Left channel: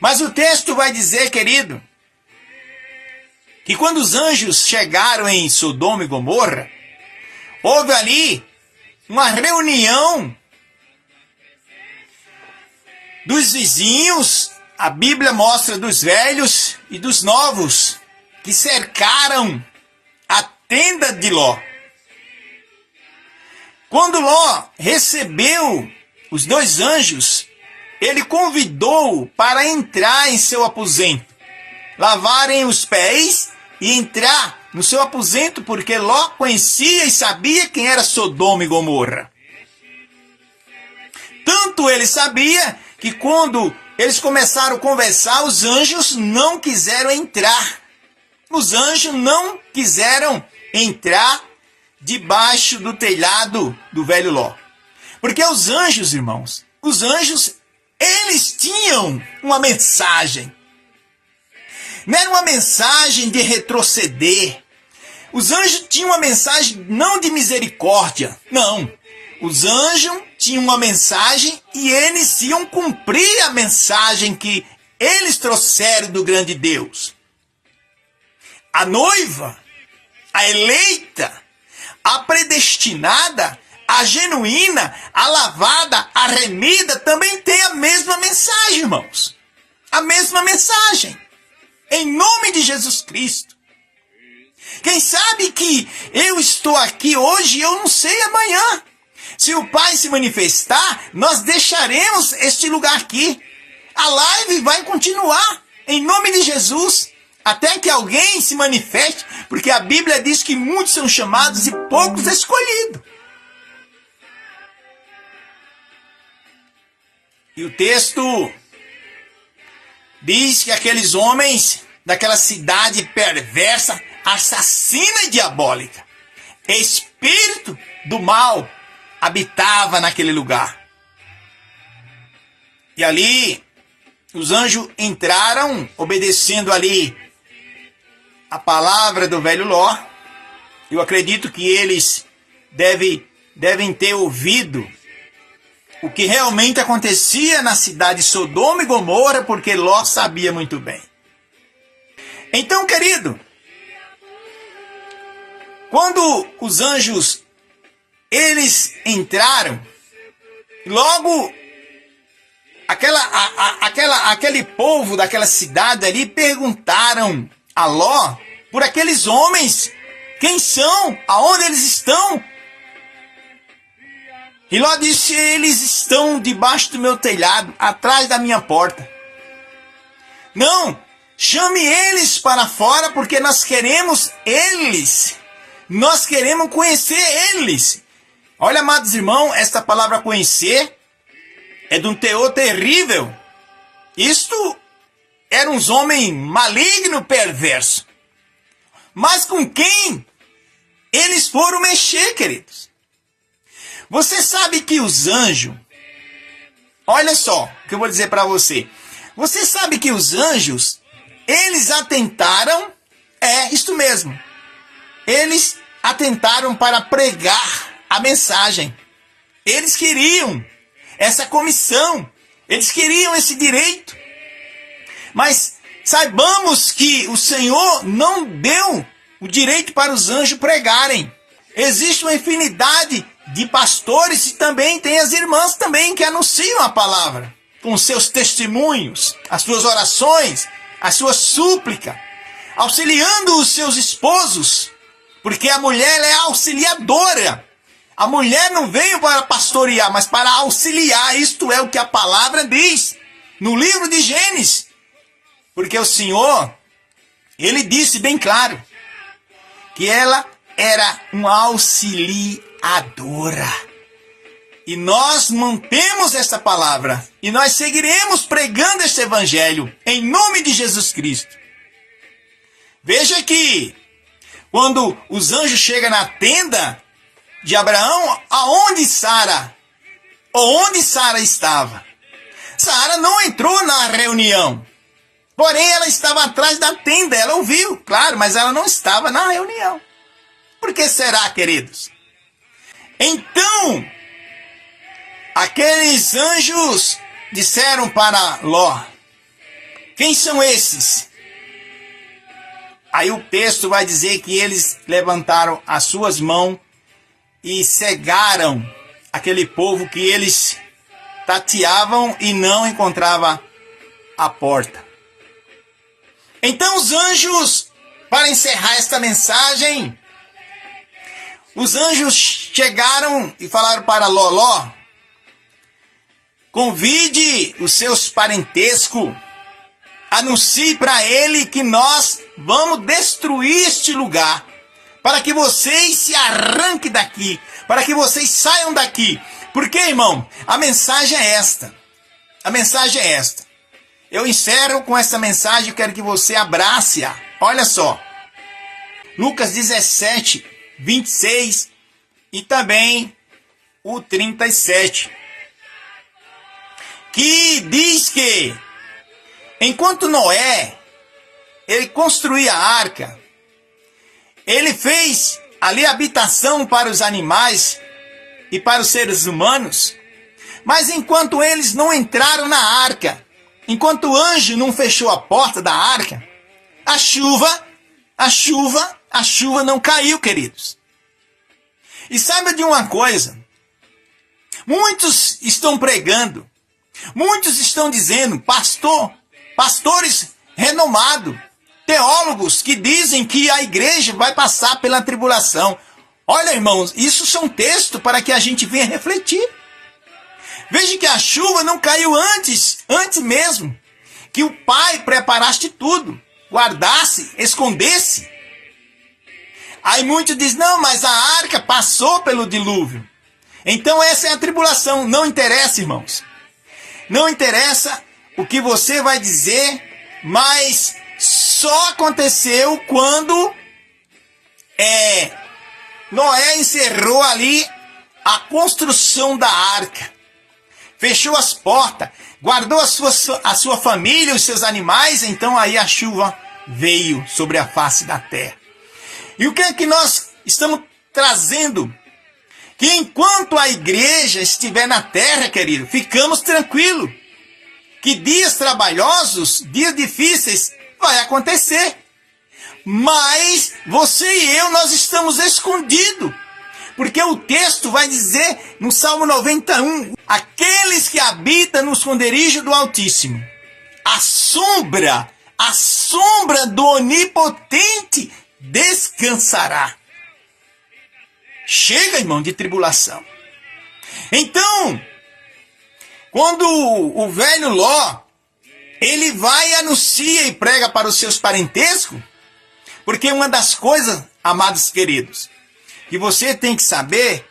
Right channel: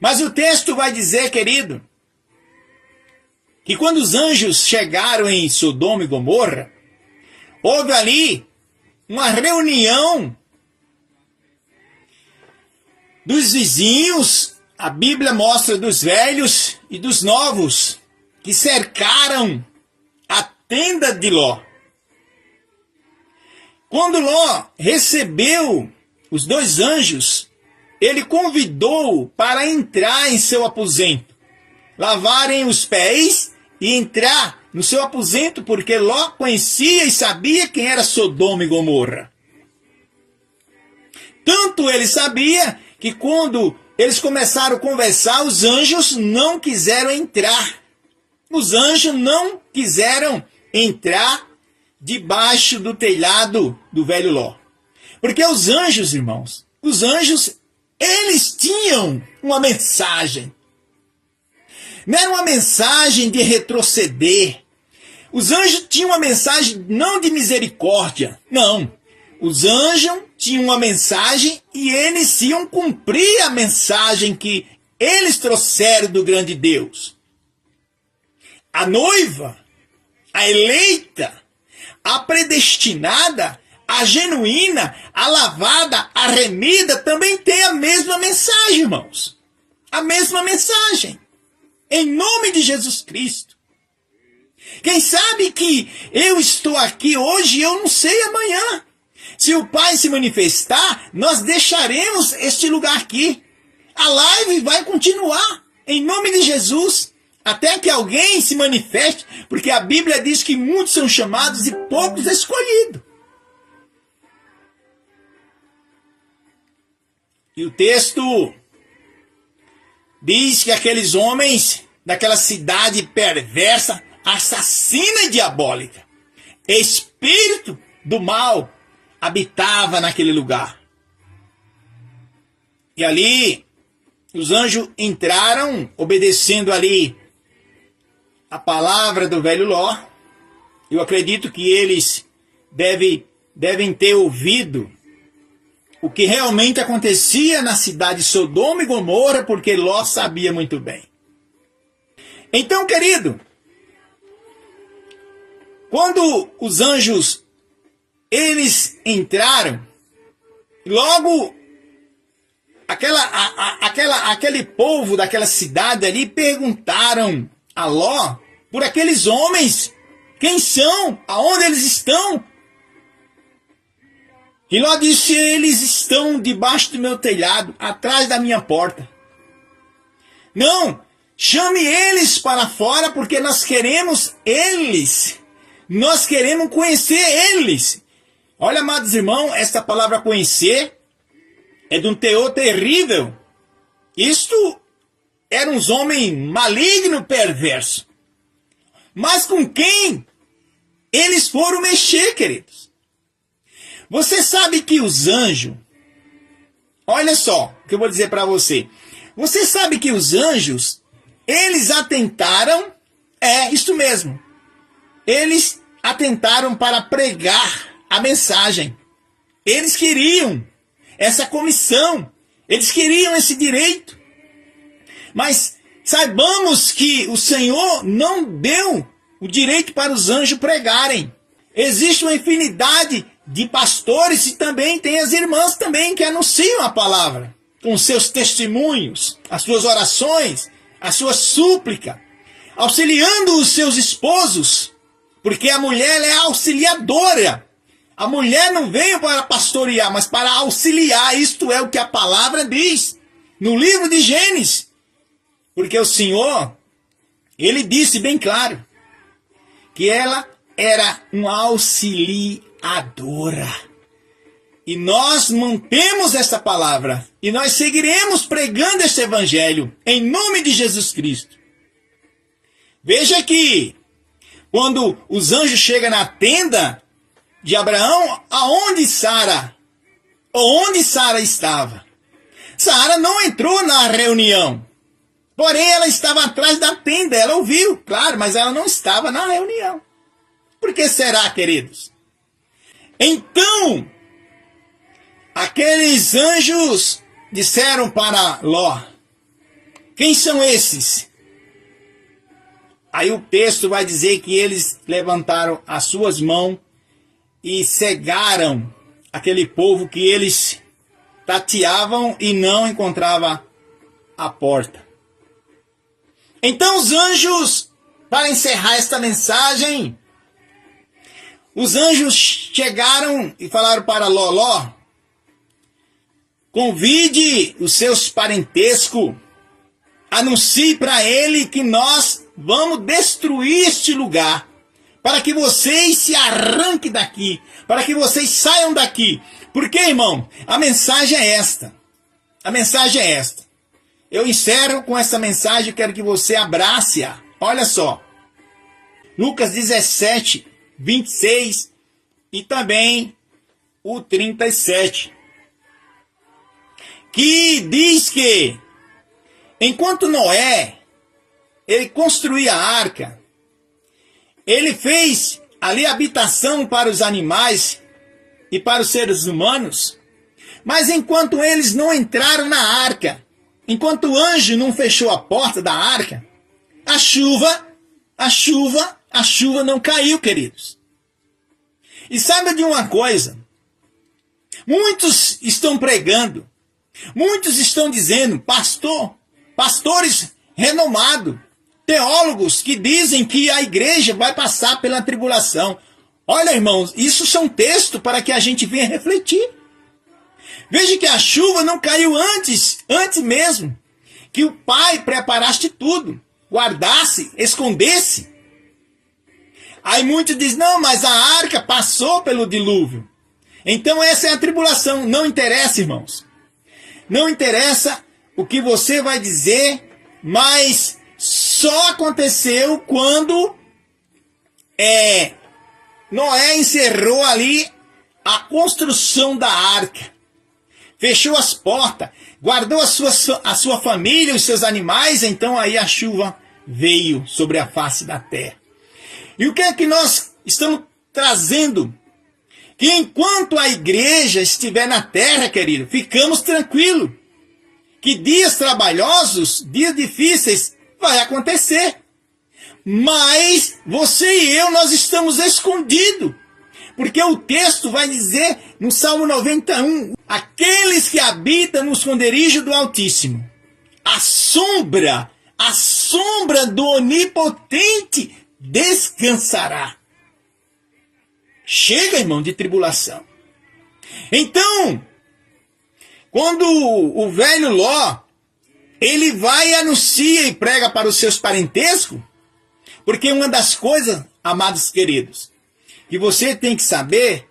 Mas o texto vai dizer, querido, que quando os anjos chegaram em Sodoma e Gomorra, houve ali uma reunião dos vizinhos, a Bíblia mostra dos velhos e dos novos, que cercaram a tenda de Ló. Quando Ló recebeu os dois anjos, ele convidou para entrar em seu aposento, lavarem os pés e entrar no seu aposento, porque Ló conhecia e sabia quem era Sodoma e Gomorra. Tanto ele sabia que quando eles começaram a conversar, os anjos não quiseram entrar. Os anjos não quiseram entrar debaixo do telhado do velho Ló. Porque os anjos, irmãos, os anjos, eles tinham uma mensagem. Não era uma mensagem de retroceder. Os anjos tinham uma mensagem não de misericórdia, não. Os anjos tinham uma mensagem e eles iam cumprir a mensagem que eles trouxeram do grande Deus. A noiva, a eleita, a predestinada, a genuína, a lavada, a remida, também tem a mesma mensagem, irmãos. A mesma mensagem. Em nome de Jesus Cristo. Quem sabe que eu estou aqui hoje e eu não sei amanhã. Se o Pai se manifestar, nós deixaremos este lugar aqui. A live vai continuar, em nome de Jesus, até que alguém se manifeste, porque a Bíblia diz que muitos são chamados e poucos escolhidos. E o texto diz que aqueles homens daquela cidade perversa, assassina e diabólica, espírito do mal, habitava naquele lugar. E ali, os anjos entraram, obedecendo ali a palavra do velho Ló. Eu acredito que eles devem ter ouvido o que realmente acontecia na cidade de Sodoma e Gomorra, porque Ló sabia muito bem. Então, querido, quando os anjos, eles entraram, logo aquele povo daquela cidade ali perguntaram a Ló por aqueles homens, quem são, aonde eles estão. E Ló disse, eles estão debaixo do meu telhado, atrás da minha porta. Não, chame eles para fora, porque nós queremos eles. Nós queremos conhecer eles. Olha, amados irmãos, esta palavra conhecer é de um teor terrível. Isto eram uns homens malignos, perversos. Mas com quem eles foram mexer, queridos? Você sabe que os anjos... Olha só o que eu vou dizer para você. Você sabe que os anjos, eles atentaram... isto mesmo. Eles atentaram para pregar a mensagem. Eles queriam essa comissão. Eles queriam esse direito. Mas saibamos que o Senhor não deu o direito para os anjos pregarem. Existe uma infinidade de pastores e também tem as irmãs também que anunciam a palavra. Com seus testemunhos, as suas orações, a sua súplica. Auxiliando os seus esposos. Porque a mulher é auxiliadora. A mulher não veio para pastorear, mas para auxiliar. Isto é o que a palavra diz no livro de Gênesis. Porque o Senhor, Ele disse bem claro que ela era uma auxiliadora. E nós mantemos esta palavra. E nós seguiremos pregando este evangelho em nome de Jesus Cristo. Veja que quando os anjos chegam na tenda de Abraão, aonde Sara estava? Sara não entrou na reunião. Porém, ela estava atrás da tenda. Ela ouviu, claro, mas ela não estava na reunião. Por que será, queridos? Então, aqueles anjos disseram para Ló, Quem são esses? Aí o texto vai dizer que eles levantaram as suas mãos e cegaram aquele povo que eles tateavam e não encontrava a porta. Então os anjos, para encerrar esta mensagem, os anjos chegaram e falaram para Ló: convide os seus parentescos, anuncie para ele que nós vamos destruir este lugar, para que vocês se arranquem daqui, para que vocês saiam daqui. Porque, irmão, a mensagem é esta. A mensagem é esta. Eu encerro com essa mensagem, quero que você abrace-a. Olha só. Lucas 17, 26 e também o 37. Que diz que, enquanto Noé, ele construía a arca, ele fez ali habitação para os animais e para os seres humanos, mas enquanto eles não entraram na arca, enquanto o anjo não fechou a porta da arca, a chuva não caiu, queridos. E sabe de uma coisa? Muitos estão pregando, muitos estão dizendo, pastores renomados, teólogos que dizem que a igreja vai passar pela tribulação. Olha, irmãos, isso são textos para que a gente venha refletir. Veja que a chuva não caiu antes mesmo, que o Pai preparaste tudo, guardasse, escondesse. Aí muitos dizem, não, mas a arca passou pelo dilúvio. Então essa é a tribulação. Não interessa, irmãos. Não interessa o que você vai dizer, mas só aconteceu quando Noé encerrou ali a construção da arca. Fechou as portas, guardou a sua família, os seus animais, então aí a chuva veio sobre a face da terra. E o que é que nós estamos trazendo? Que enquanto a igreja estiver na terra, querido, ficamos tranquilos. Que dias trabalhosos, dias difíceis, vai acontecer. Mas você e eu, nós estamos escondidos. Porque o texto vai dizer no Salmo 91, aqueles que habitam no esconderijo do Altíssimo, a sombra do Onipotente descansará. Chega, irmão, de tribulação. Então, quando o velho Ló, ele vai e anuncia e prega para os seus parentescos, porque uma das coisas, amados queridos, que você tem que saber,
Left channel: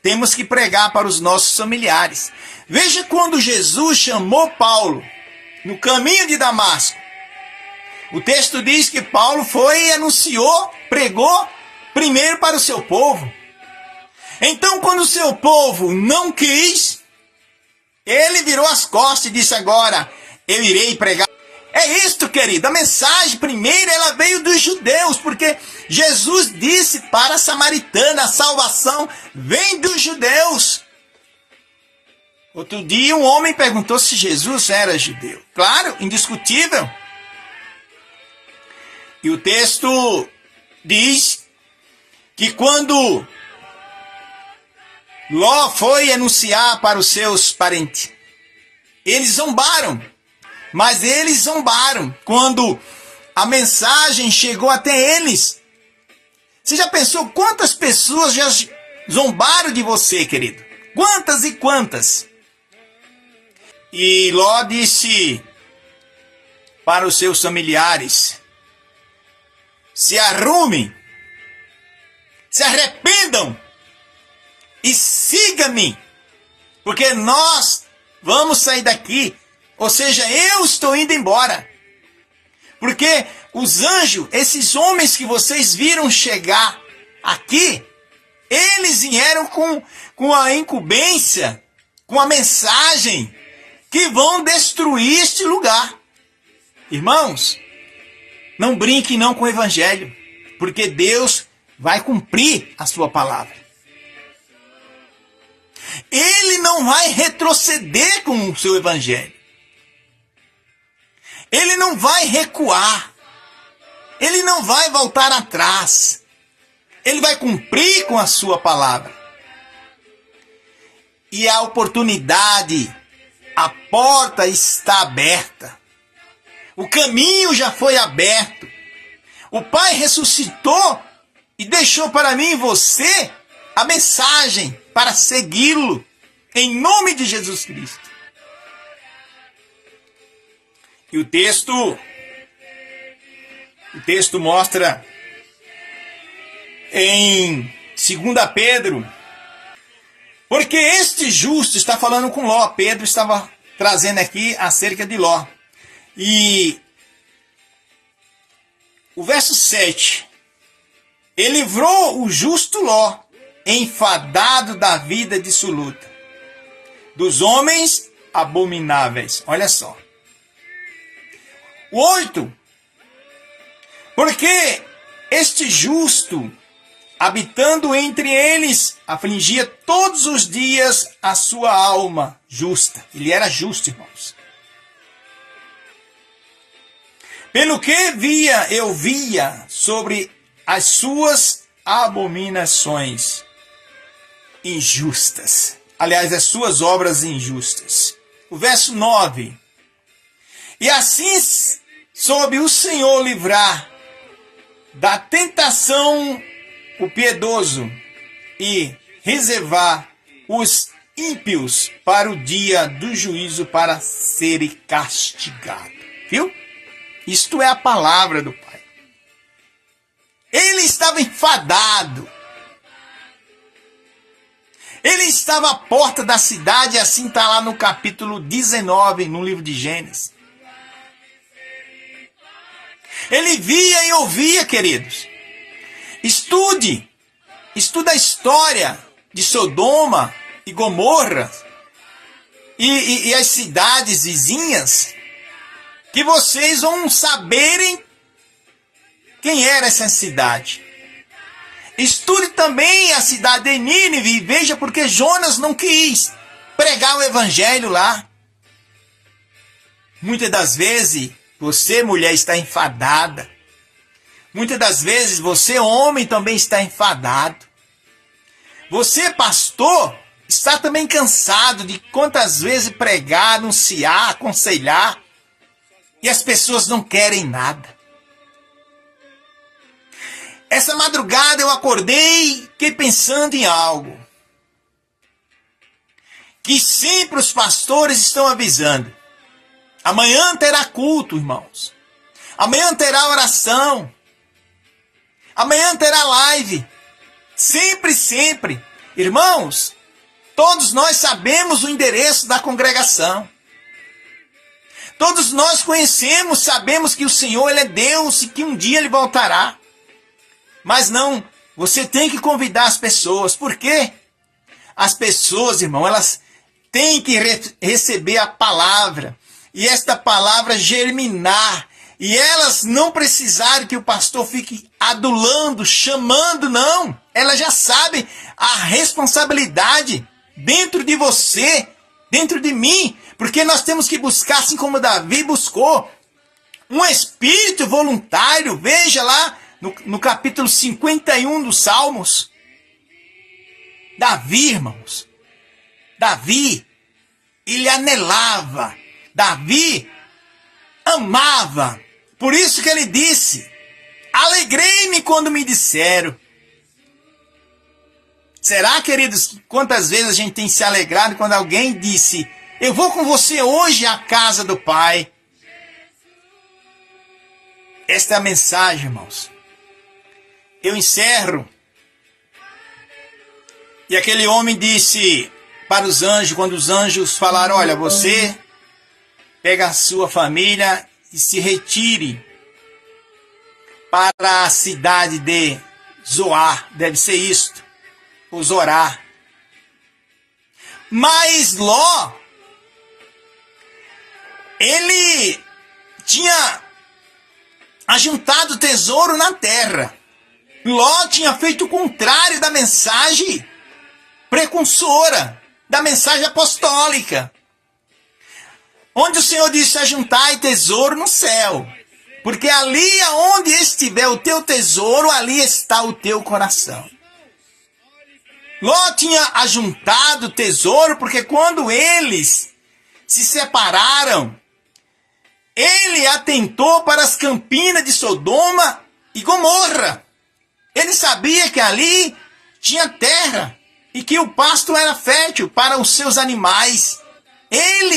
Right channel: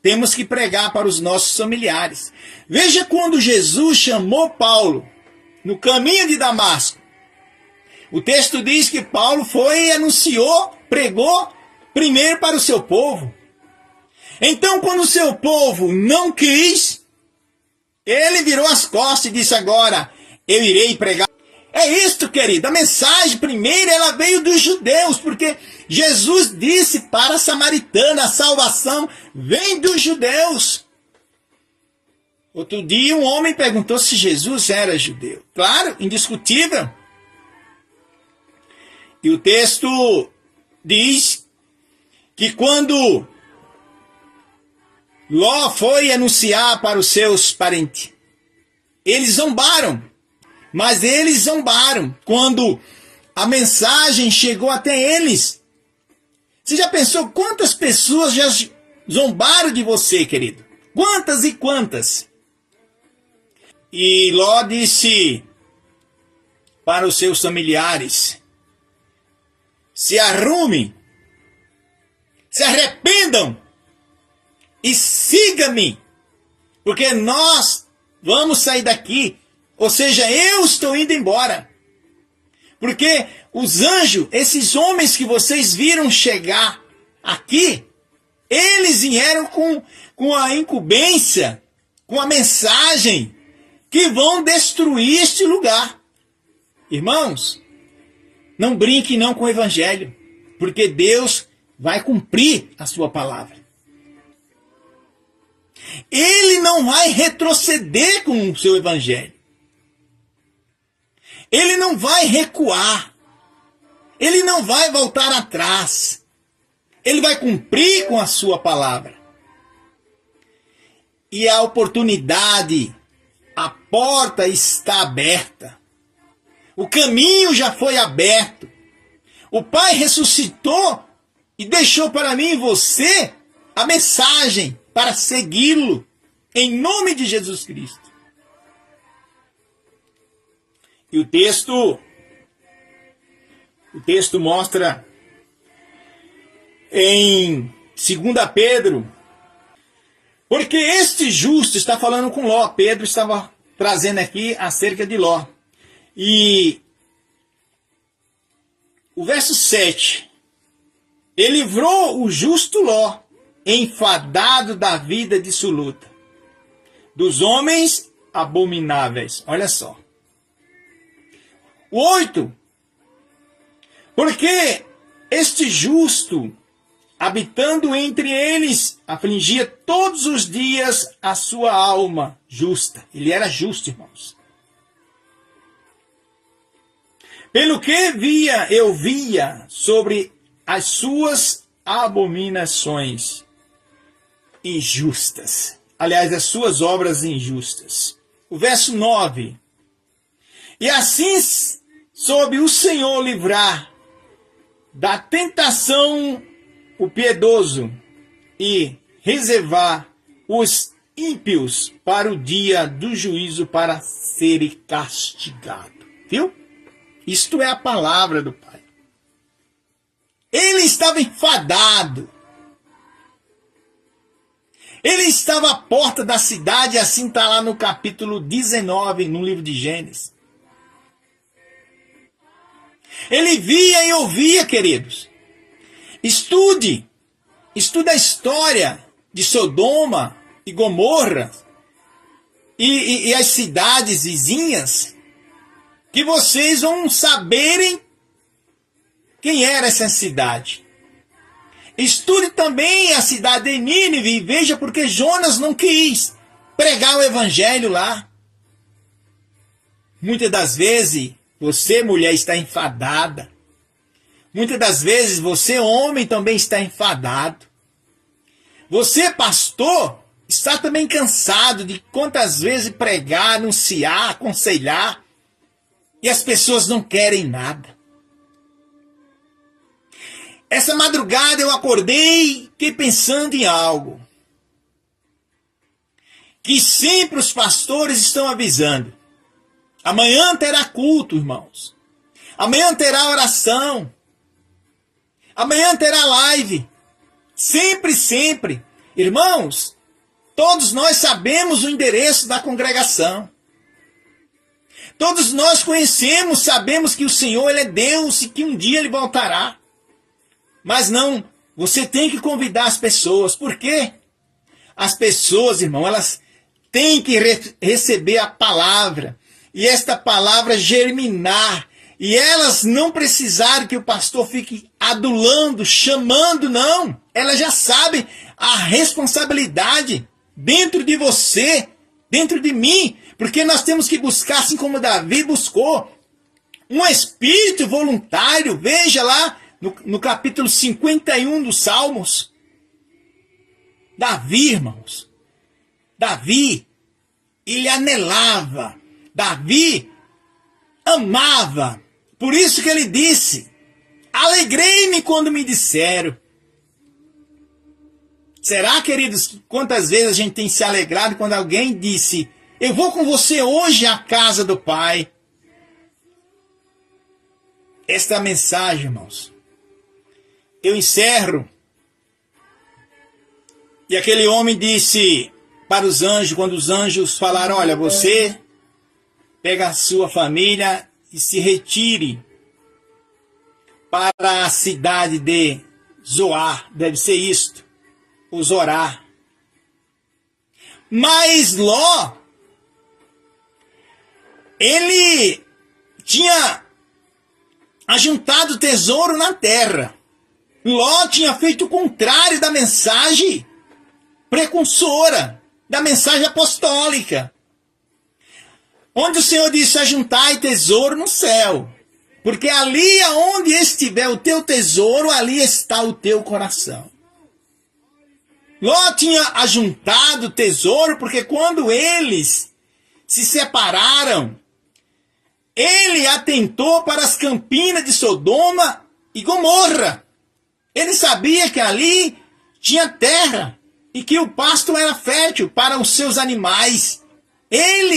temos que pregar para os nossos familiares. Veja quando Jesus chamou Paulo no caminho de Damasco. O texto diz que Paulo foi e anunciou, pregou primeiro para o seu povo. Então, quando o seu povo não quis, ele virou as costas e disse agora, eu irei pregar. É isto, querido, a mensagem primeira ela veio dos judeus, porque Jesus disse para a samaritana, a salvação vem dos judeus. Outro dia um homem perguntou se Jesus era judeu. Claro, indiscutível. E o texto diz que quando Ló foi anunciar para os seus parentes, eles zombaram. Mas eles zombaram quando a mensagem chegou até eles. Você já pensou quantas pessoas já zombaram de você, querido? Quantas e quantas? E Ló disse para os seus familiares, se arrumem, se arrependam e siga-me, porque nós vamos sair daqui. Ou seja, eu estou indo embora. Porque os anjos, esses homens que vocês viram chegar aqui, eles vieram com a incumbência, com a mensagem que vão destruir este lugar. Irmãos, não brinquem não com o evangelho, porque Deus vai cumprir a sua palavra. Ele não vai retroceder com o seu evangelho. Ele não vai recuar. Ele não vai voltar atrás. Ele vai cumprir com a sua palavra. E a oportunidade, a porta está aberta. O caminho já foi aberto. O Pai ressuscitou e deixou para mim e você a mensagem para segui-lo, em nome de Jesus Cristo. E o texto mostra em 2 Pedro, porque este justo está falando com Ló. Pedro estava trazendo aqui acerca de Ló. E o verso 7, ele livrou o justo Ló, enfadado da vida dissoluta, dos homens abomináveis. Olha só. O 8, porque este justo, habitando entre eles, afligia todos os dias a sua alma justa. Ele era justo, irmãos. Pelo que eu via sobre as suas abominações injustas. Aliás, as suas obras injustas. O verso 9. E assim soube o Senhor livrar da tentação o piedoso e reservar os ímpios para o dia do juízo, para serem castigados. Viu? Isto é a palavra do Pai. Ele estava enfadado. Ele estava à porta da cidade, assim está lá no capítulo 19, no livro de Gênesis. Ele via e ouvia, queridos. Estude a história de Sodoma e Gomorra e as cidades vizinhas, que vocês vão saberem quem era essa cidade. Estude também a cidade de Nínive e veja porque Jonas não quis pregar o evangelho lá. Muitas das vezes, você, mulher, está enfadada. Muitas das vezes, você, homem, também está enfadado. Você, pastor, está também cansado de quantas vezes pregar, anunciar, aconselhar, e as pessoas não querem nada. Essa madrugada eu acordei, fiquei pensando em algo que sempre os pastores estão avisando. Amanhã terá culto, irmãos. Amanhã terá oração. Amanhã terá live. Sempre, sempre. Irmãos, todos nós sabemos o endereço da congregação. Todos nós conhecemos, sabemos que o Senhor, Ele é Deus e que um dia Ele voltará. Mas não, você tem que convidar as pessoas. Por quê? As pessoas, irmão, elas têm que receber a palavra. E esta palavra germinar. E elas não precisarem que o pastor fique adulando, chamando, não. Elas já sabem a responsabilidade dentro de você, dentro de mim. Porque nós temos que buscar, assim como Davi buscou, um espírito voluntário. Veja lá no capítulo 51 dos Salmos. Davi, irmãos. Davi, ele anelava. Davi amava. Por isso que ele disse: alegrei-me quando me disseram. Será, queridos, quantas vezes a gente tem se alegrado quando alguém disse: eu vou com você hoje à casa do Pai? Esta é a mensagem, irmãos. Eu encerro. E aquele homem disse para os anjos, quando os anjos falaram: olha, você pega a sua família e se retire para a cidade de Zoar. Deve ser isto, ou Zorá. Mas Ló, ele tinha ajuntado tesouro na terra. Ló tinha feito o contrário da mensagem precursora, da mensagem apostólica. onde o Senhor disse: ajuntai tesouro no céu, porque ali aonde estiver o teu tesouro, ali está o teu coração. Ló tinha ajuntado tesouro, porque quando eles se separaram, ele atentou para as campinas de Sodoma e Gomorra. Ele sabia que ali tinha terra e que o pasto era fértil para os seus animais. Ele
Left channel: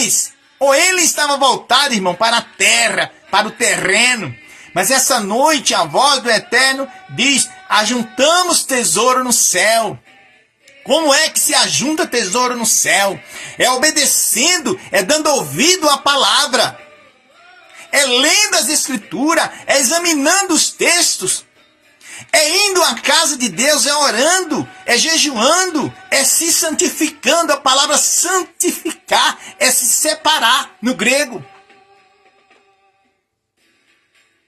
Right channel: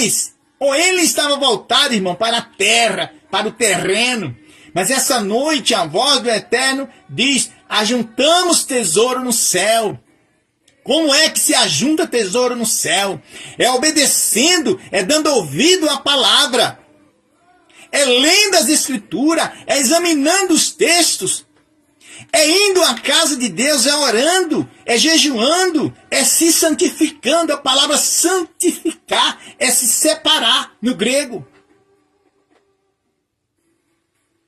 estava voltado, irmão, para a terra, para o terreno. Mas essa noite a voz do Eterno diz: ajuntamos tesouro no céu. Como é que se ajunta tesouro no céu? É obedecendo, é dando ouvido à palavra, é lendo as escrituras, é examinando os textos, é indo à casa de Deus, é orando, é jejuando, é se santificando. A palavra santificar é se separar no grego.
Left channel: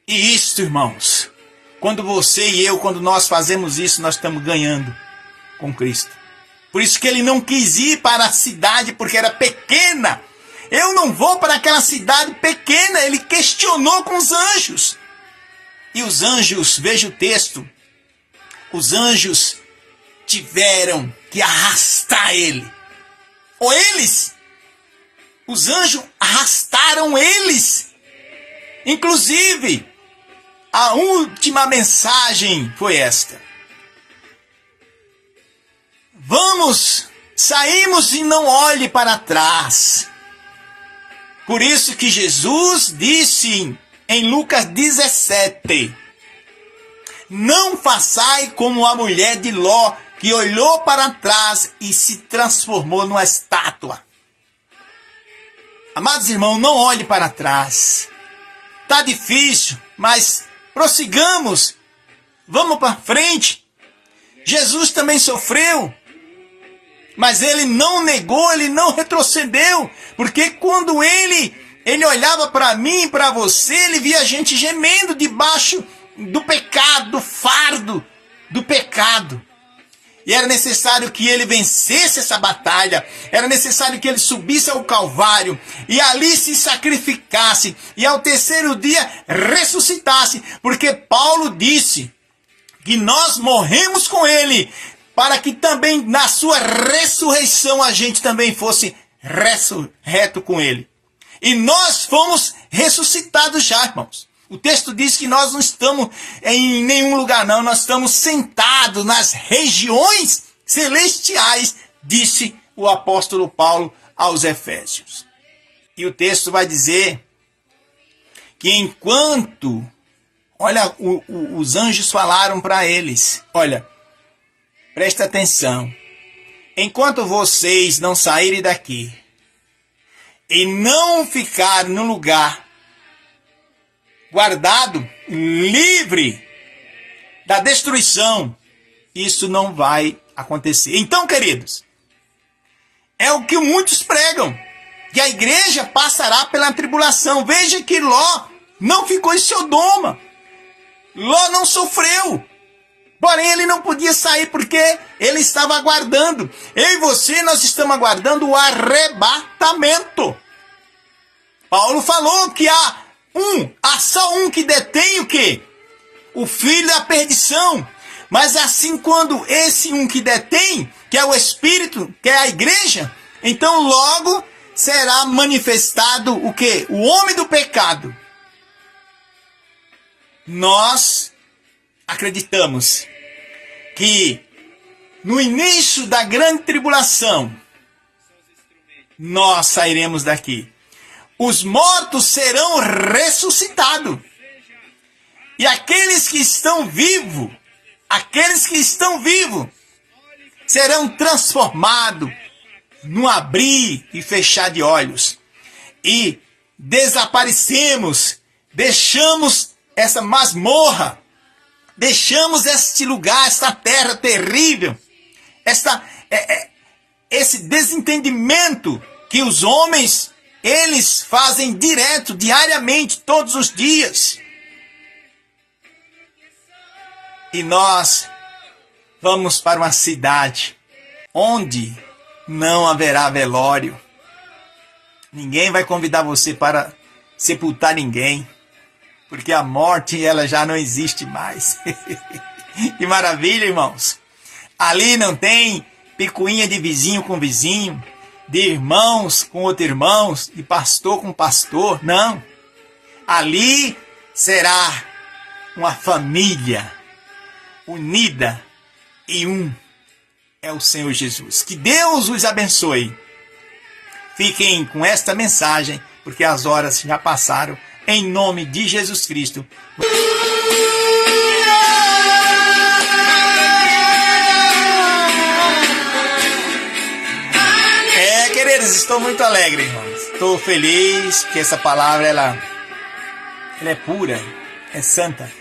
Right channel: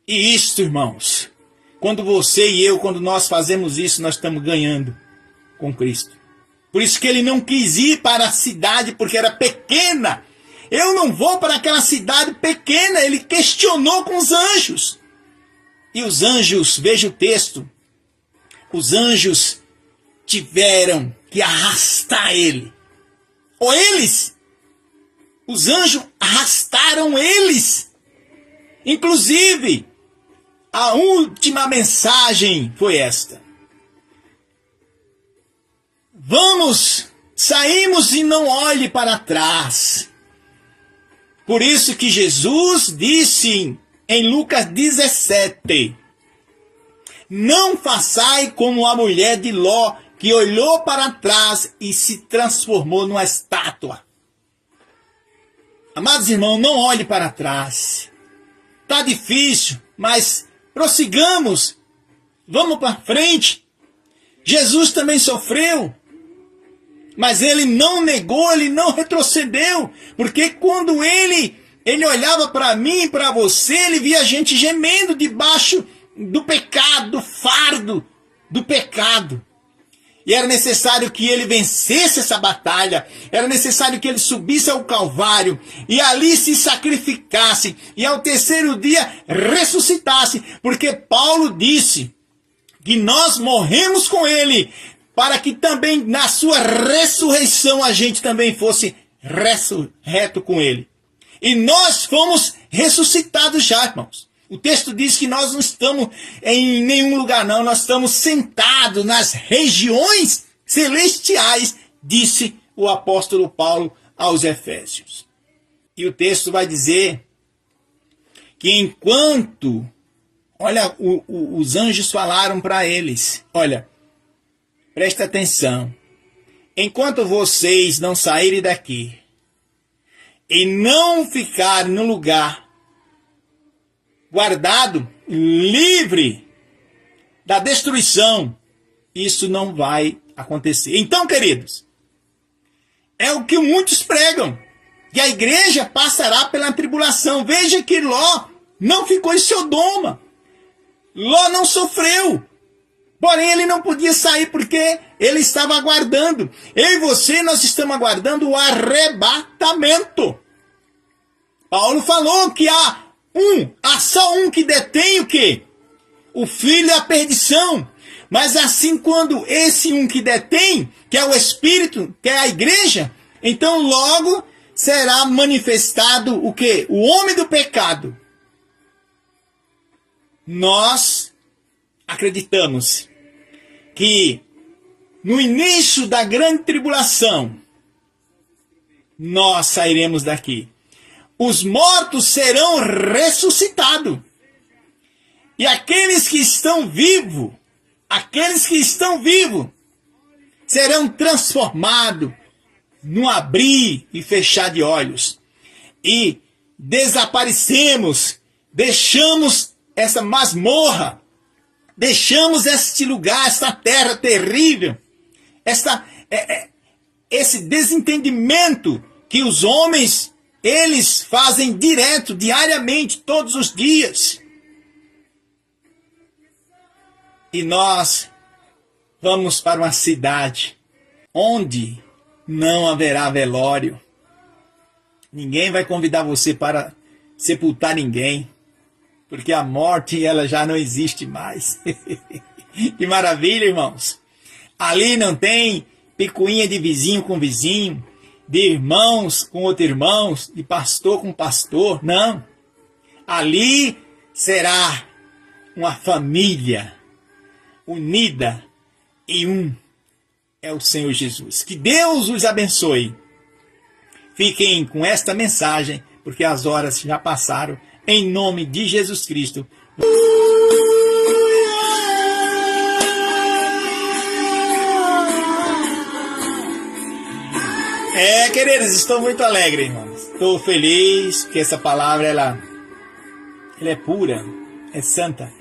E isso, irmãos, quando você e eu, quando nós fazemos isso, nós estamos ganhando com Cristo. Por isso que ele não quis ir para a cidade, porque era pequena. Eu não vou para aquela cidade pequena. Ele questionou com os anjos. E os anjos, veja o texto, os anjos tiveram que arrastar ele. Ou os anjos arrastaram eles. Inclusive, a última mensagem foi esta: saímos e não olhe para trás. Por isso que Jesus disse em Lucas 17: não façai como a mulher de Ló, que olhou para trás e se transformou numa estátua. Amados irmãos, não olhe para trás. Está difícil, mas prossigamos. Vamos para frente. Jesus também sofreu, mas ele não negou, ele não retrocedeu, porque quando ele olhava para mim e para você, ele via a gente gemendo debaixo do pecado, do fardo do pecado. E era necessário que ele vencesse essa batalha, era necessário que ele subisse ao Calvário e ali se sacrificasse e ao terceiro dia ressuscitasse, porque Paulo disse que nós morremos com ele, para que também na sua ressurreição a gente também fosse ressurreto com ele. E nós fomos ressuscitados já, irmãos. O texto diz que nós não estamos em nenhum lugar não, nós estamos sentados nas regiões celestiais, disse o apóstolo Paulo aos Efésios. E o texto vai dizer que enquanto, olha, os anjos falaram para eles: olha, presta atenção, enquanto vocês não saírem daqui e não ficarem no lugar guardado, livre da destruição, isso não vai acontecer. Então, queridos, é o que muitos pregam, que a igreja passará pela tribulação. Veja que Ló não ficou em Sodoma, Ló não sofreu. Porém, ele não podia sair porque ele estava aguardando. Eu e você, nós estamos aguardando o arrebatamento. Paulo falou que há só um que detém o quê? O filho da perdição. Mas assim, quando esse um que detém, que é o Espírito, que é a igreja, então logo será manifestado o quê? O homem do pecado. Nós acreditamos que no início da grande tribulação, nós sairemos daqui. Os mortos serão ressuscitados. E aqueles que estão vivos, serão transformados no abrir e fechar de olhos. E desaparecemos, deixamos essa masmorra, deixamos este lugar, esta terra terrível, esse desentendimento que os homens, eles fazem direto, diariamente, todos os dias. E nós vamos para uma cidade onde não haverá velório, Ninguém vai convidar você para sepultar ninguém, porque a morte ela já não existe mais. Que maravilha, irmãos. Ali não tem picuinha de vizinho com vizinho, de irmãos com outros irmãos, de pastor com pastor, não. Ali será uma família unida e um é o Senhor Jesus. Que Deus os abençoe. Fiquem com esta mensagem, porque as horas já passaram. Em nome de Jesus Cristo. Queridos, estou muito alegre, irmãos. Estou feliz que essa palavra ela é pura, é santa.